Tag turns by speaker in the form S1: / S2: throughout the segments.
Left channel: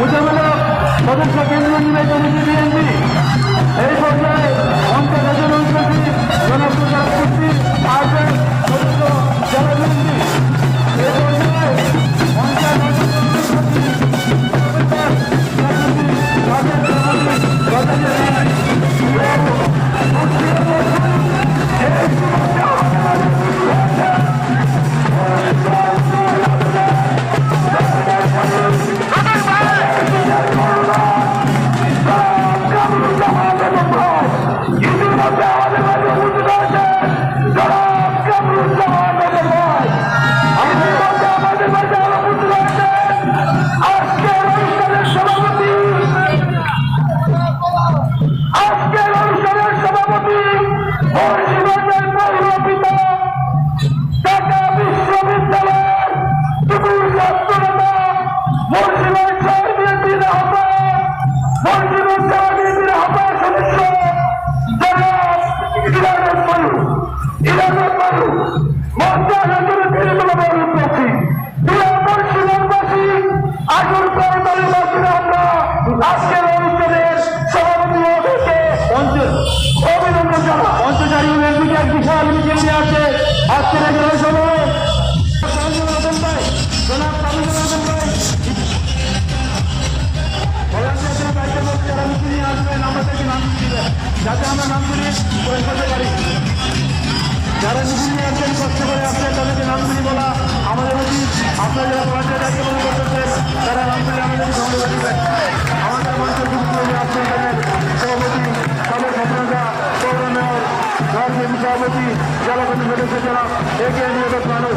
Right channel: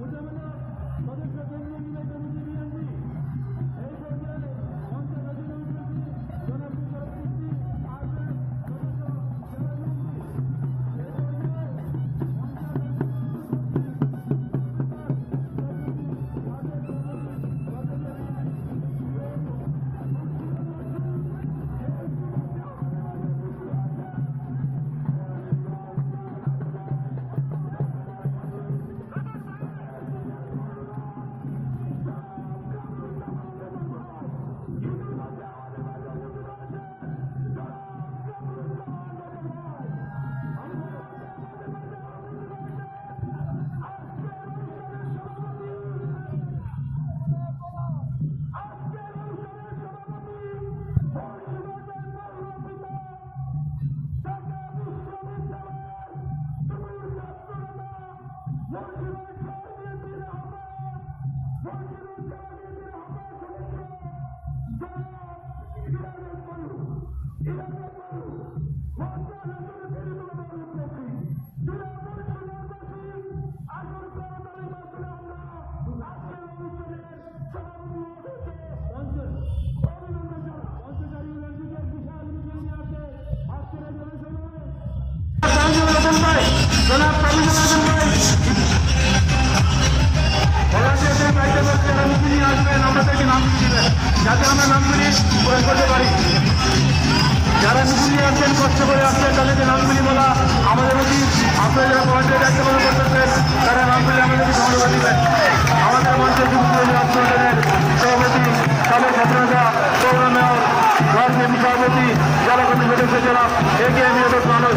S1: মোকাবেলা সদস্য কেন্দ্রীয় নির্বাচন এই পর্যায়ে মসজিদের চার যাতে আমরা নামগুলি প্রয়োগ করতে পারি। যারা নিগুলি আসছেন, কষ্ট করে আসছেন, তাদেরকে নামগুলি বলা আমাদের প্রতি। আপনারা যারা মানুষের দায়িত্ব পালন করতেছেন, তারা নামগুলি আমাদেরকে সংগ্রহ দিবেন। আমাদের মঞ্চের যুক্ত আপনাদের সভাপতি সাবেক মেয়র প্রোগ্রামের সভাপতি জলকর্মী সদস্য
S2: যারা
S3: এগিয়ে নিয়ে মানুষ।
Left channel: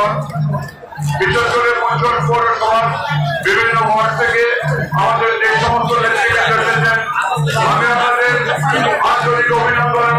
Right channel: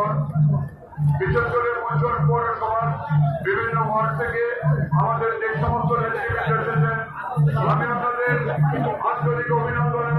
S3: ভবন বিশেষ করে পঞ্চম পৌরসভার বিভিন্ন ওয়ার্ড থেকে আমাদের যে সমস্ত নেতৃত্ব এসেছেন, আমি আপনাদের আন্তরিক অভিনন্দন